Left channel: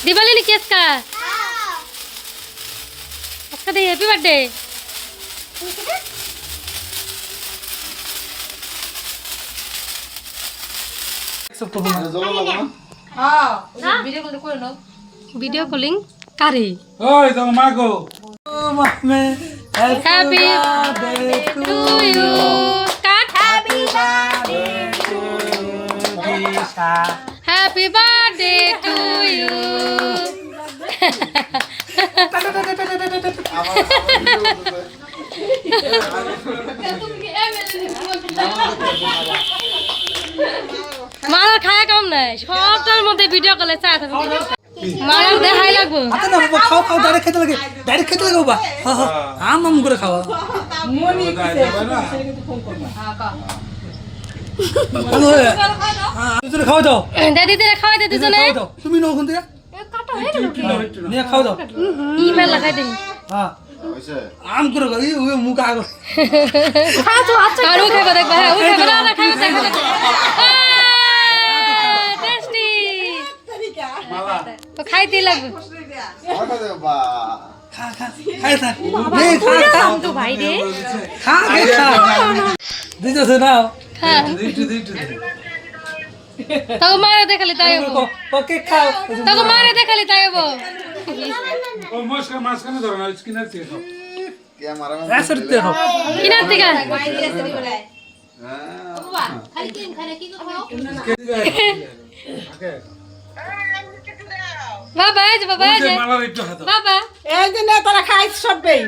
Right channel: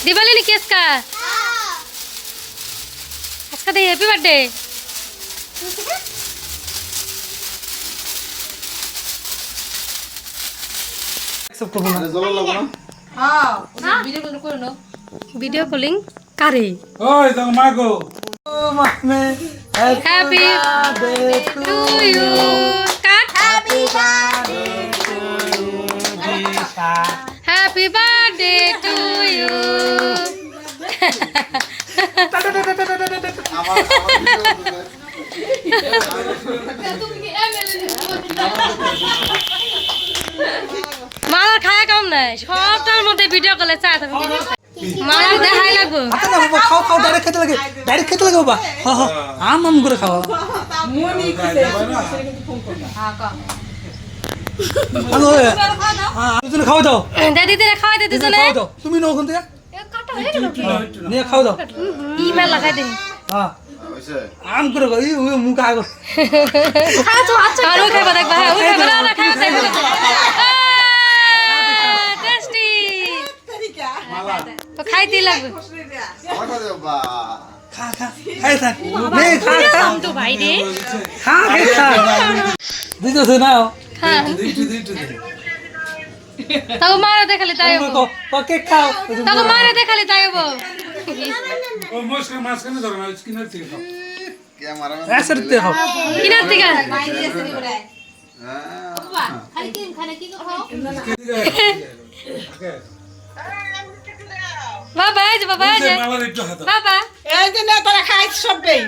दिवाली ने केस का इसका दे हैप्पी बर्थडे वीडियो कॉलिंग करे ओए तो मागो हैप्पी टू यू काट हैप्पी बर्थडे टू यू মালার খায়া কাম নাই সবটার মধ্যে ভিডিও কলে চা থাকে মালার দেখাই লাগবো আচ্ছা না বাবা খাও খাও ডাইরেক্ট খেতে লাগে বাবা হ্যাঁ হ্যাঁ আম করে খাওয়া হ্যালো তুই খাও দাও দিদিরে খাওয়াই দে দুজনে তুমি নাও কোন থেকে নিয়ে খাও দাও ইমেল লাগাই দে হ্যাঁ আম করে ওই মুখ আগো আর ও খাইবা দেখবা হ্যাঁ ও খাইবা না খাইবা দেখবা টেস্টি তো খাইতে লাগবে খা খা খাই থাক নে খা খা তো ভাই রে খা খা দিতেছ না খা দিতে তাও মারে দেখালে তাই হবো তো কেক খাও তাও মারে দেখালে তাই হবো ও মস্কার মাছ কেন ধরো না স্কিনার থেকে খাও রাসরতে খাও কিনার থেকে বাবা এই যে বাবা এই যে মালার একটু হাত বাবা এই যে না তারা খাইছে সবই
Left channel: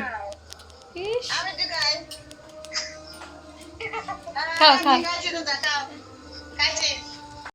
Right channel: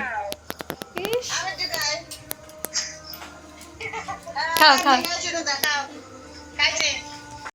খাও খাও